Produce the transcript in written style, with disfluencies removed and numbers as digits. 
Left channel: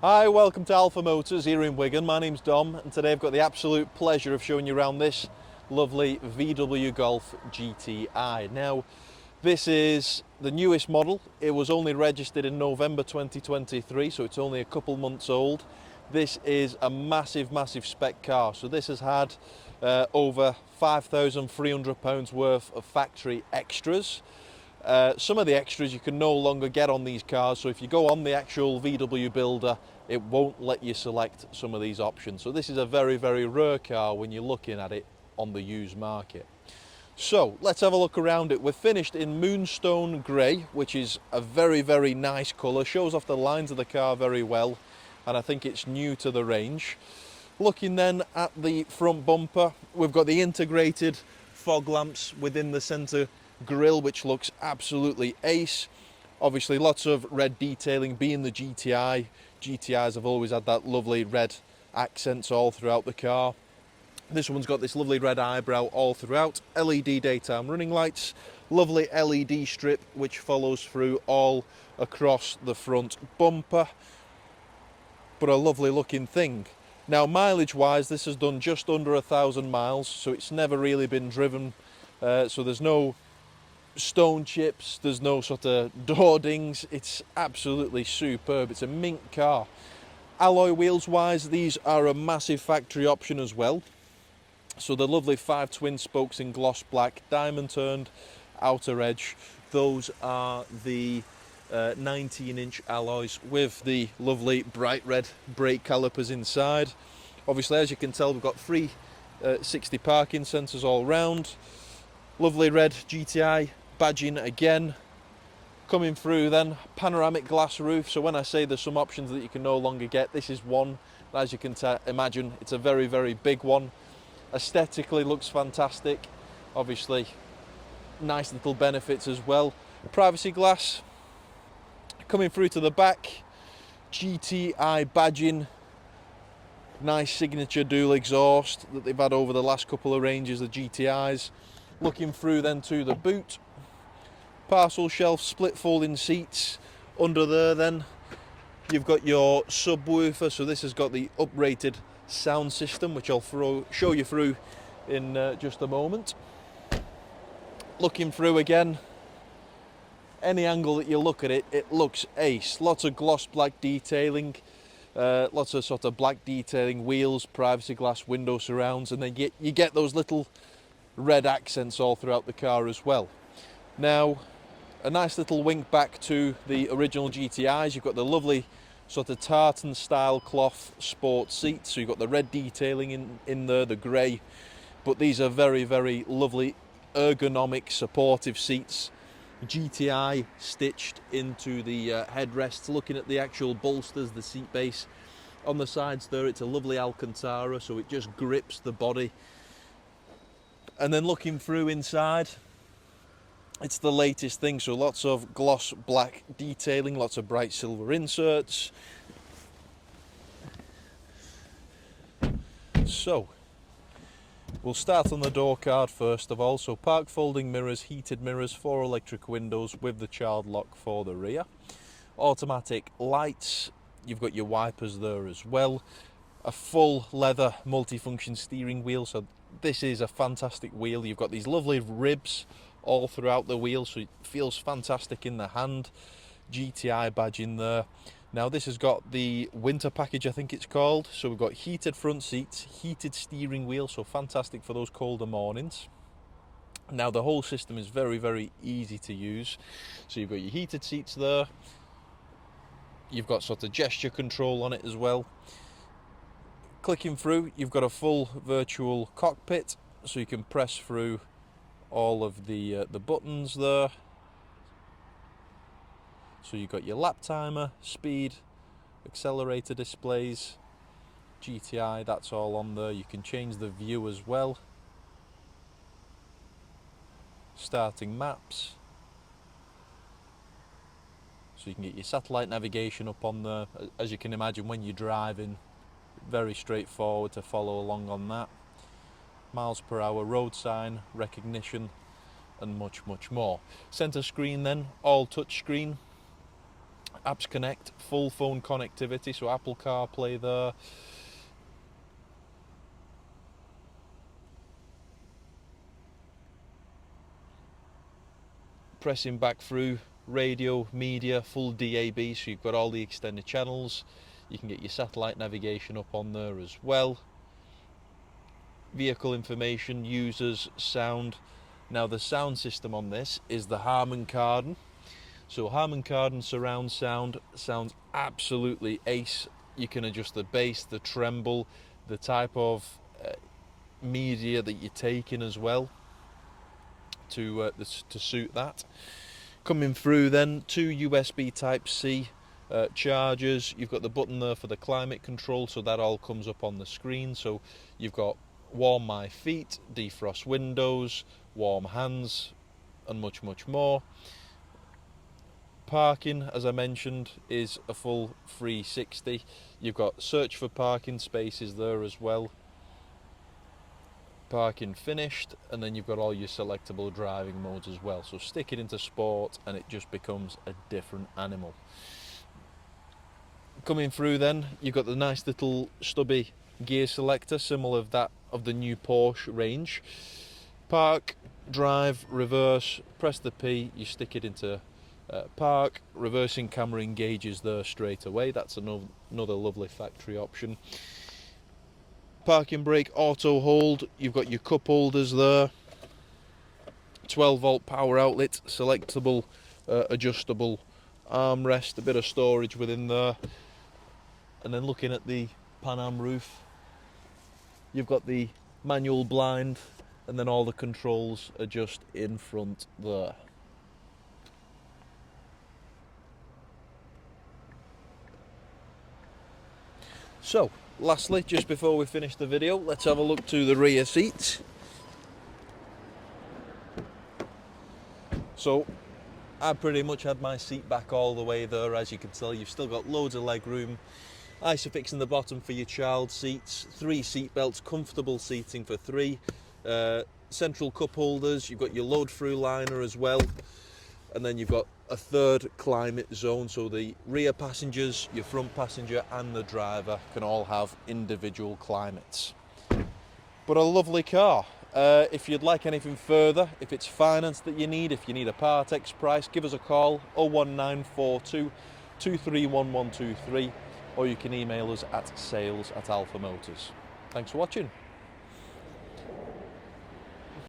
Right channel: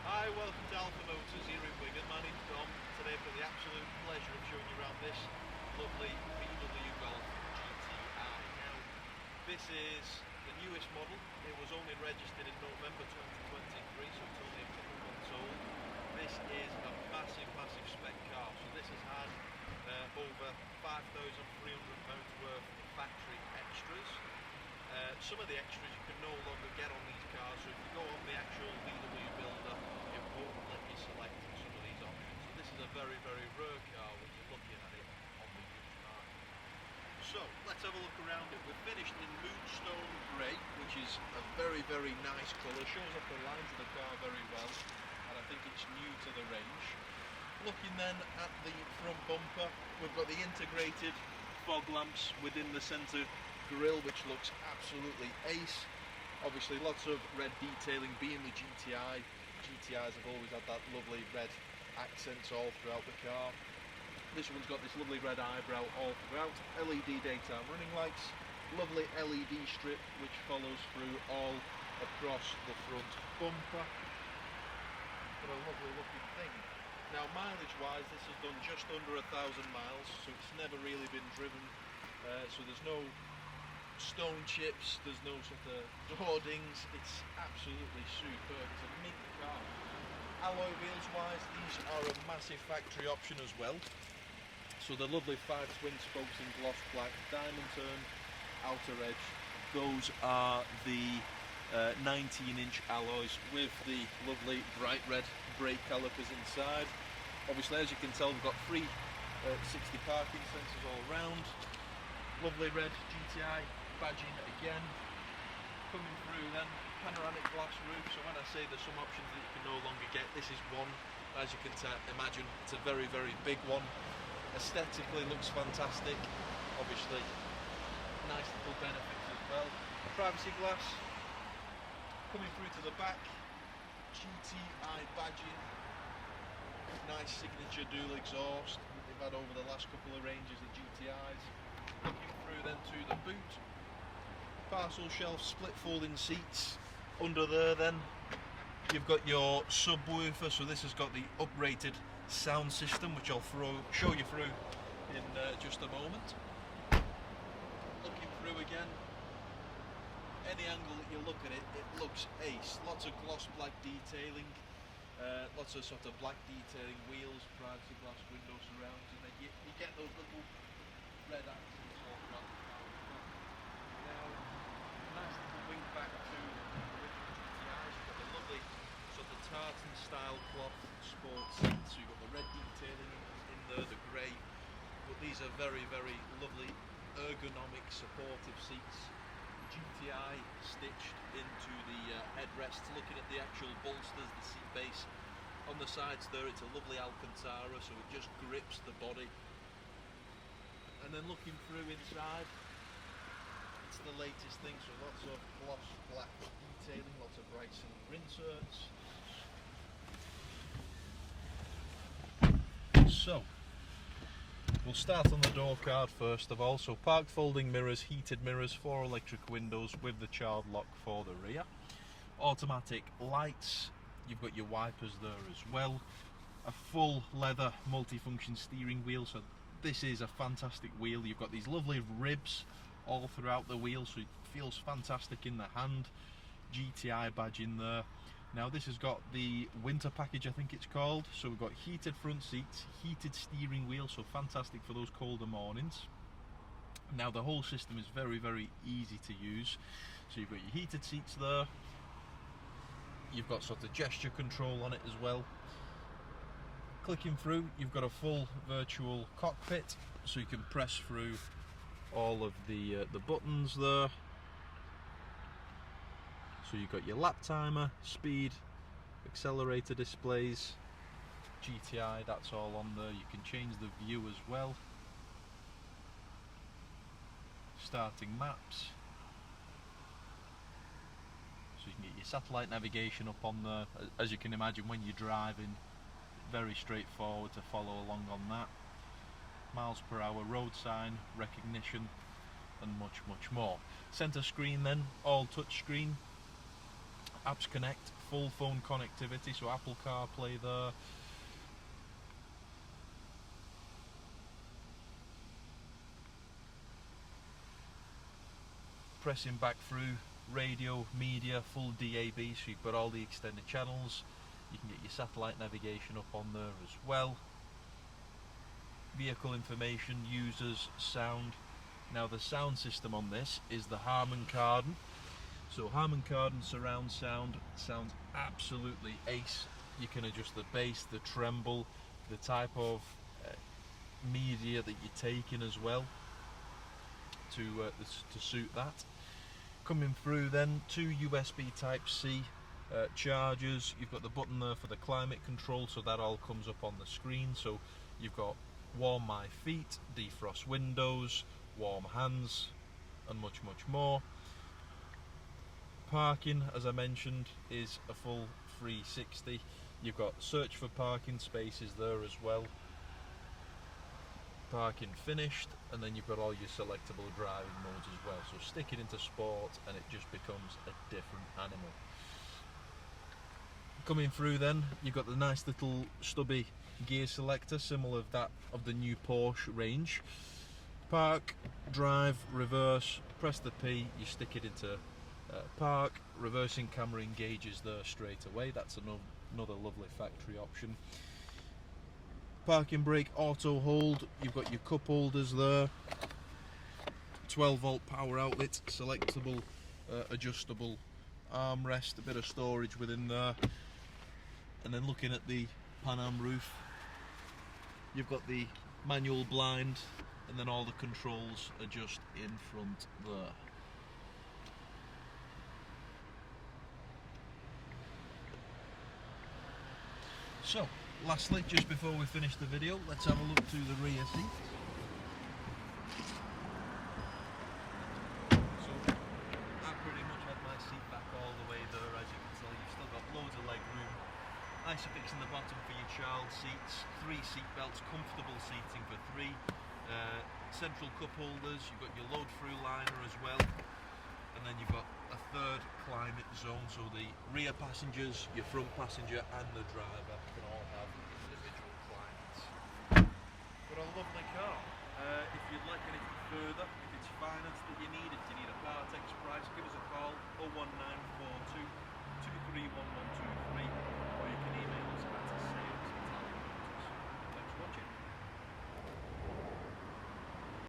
Hi, welcome to Alpha Motors here in Wigan. My name's Dom and today I've got the absolute pleasure of showing you around this lovely VW Golf GTI. Now, this is the newest model. It was only registered in November 2023, so it's only a couple months old. This is a massive spec car. So this has had over £5,300 worth of factory extras. Some of the extras you can no longer get on these cars, so if you go on the actual VW builder, it won't let you select some of these options. So this is a very rare car when you're looking at it on the used market. So let's have a look around it. We're finished in Moonstone Grey, which is a very nice colour, shows off the lines of the car very well, and I think it's new to the range. Looking then at the front bumper, we've got the integrated fog lamps within the centre grille, which looks absolutely ace. Obviously lots of red detailing, being the GTI. GTIs have always had that lovely red accents all throughout the car. This one's got this lovely red eyebrow all throughout. LED daytime running lights, lovely LED strip which follows through all across the front bumper, but a lovely looking thing. Now mileage wise, this has done just under 1,000 miles, so it's never really been driven, so there's no stone chips, there's no sort of door dings. It's absolutely superb. It's a mint car. Alloy wheels wise, these are a massive factory option as well. So the lovely 5 twin spokes in gloss black, diamond turned outer edge. Those are the 19-inch alloys with the lovely bright red brake calipers inside. Obviously, as you can tell, we've got 360 parking sensors all round. Lovely red GTI badging again. Coming through then, panoramic glass roof. So when I say there's some options that you can no longer get, this is one. As you can imagine, it's a very big one. Aesthetically looks fantastic. Obviously, nice little benefits as well. Privacy glass. Coming through to the back, GTI badging. Nice signature dual exhaust that they've had over the last couple of ranges of GTIs. Looking through then to the boot, parcel shelf, split folding seats. Under there then you've got your subwoofer, so this has got the uprated sound system, which I'll show you through in just a moment. Looking through again, any angle that you look at it, it looks ace. Lots of gloss black detailing, lots of sort of black detailing, wheels, privacy glass, window surrounds, and then you get those little red accents all throughout the car as well. Now, a nice little wink back to the original GTIs. You've got the lovely sort of tartan style cloth sport seats, so you've got the red detailing in there, the grey, but these are very lovely ergonomic supportive seats. GTI stitched into the headrests. Looking at the actual bolsters, the seat base on the sides there, it's a lovely Alcantara, so it just grips the body. And then looking through inside, it's the latest thing, so lots of gloss black detailing, lots of bright silver inserts. So we'll start on the door card first of all. So park folding mirrors, heated mirrors, 4 electric windows with the child lock for the rear, automatic lights, you've got your wipers there as well, a full leather multifunction steering wheel. So this is a fantastic wheel. You've got these lovely ribs all throughout the wheel, so it feels fantastic in the hand. GTI badge in there. Now this has got the winter package, I think it's called. So we've got heated front seats, heated steering wheel, so fantastic for those colder mornings. Now the whole system is very easy to use. So you've got your heated seats there. You've got sort of gesture control on it as well. Clicking through, you've got a full virtual cockpit, so you can press through all of the buttons there. So you've got your lap timer, speed, accelerator displays, GTI, that's all on there. You can change the view as well. Starting maps. So you can get your satellite navigation up on there. As you can imagine, when you're driving, very straightforward to follow along on that. Miles per hour, road sign, recognition, and much more. Center screen then, all touch screen. Apps Connect, full phone connectivity, so Apple CarPlay there. Pressing back through, radio, media, full DAB, so you've got all the extended channels. You can get your satellite navigation up on there as well. Vehicle information, users, sound. Now the sound system on this is the HARMAN KARDON. So HARMAN KARDON surround sound sounds absolutely ace. You can adjust the bass, the treble, the type of media that you're taking as well to suit that. Coming through then, 2 USB Type-C chargers. You've got the button there for the climate control, so that all comes up on the screen. So you've got warm my feet, defrost windows, warm hands, and much more. Parking, as I mentioned, is a full 360. You've got search for parking spaces there as well. Parking finished, and then you've got all your selectable driving modes as well. So stick it into sport and it just becomes a different animal. Coming through then, you've got the nice little stubby gear selector, similar of that of the new Porsche range. Park, drive, reverse, press the P, you stick it into park. Reversing camera engages there straight away. That's another lovely factory option. Parking brake, auto hold. You've got your cup holders there. 12-volt power outlet, selectable, adjustable armrest, a bit of storage within there. And then looking at the Pan-Am roof, you've got the manual blind, and then all the controls are just in front there. So, lastly, just before we finish the video, let's have a look to the rear seats. So, I pretty much had my seat back all the way there. As you can tell, you've still got loads of leg room. Isofix in the bottom for your child seats, 3 seat belts, comfortable seating for 3. Central cup holders, you've got your load through liner as well. And then you've got a third climate zone, so the rear passengers, your front passenger and the driver can all have individual climates. But a lovely car. If you'd like anything further, if it's finance that you need, if you need a part X price, give us a call, 01942 231123, or you can email us at sales@alphamotors. Thanks for watching.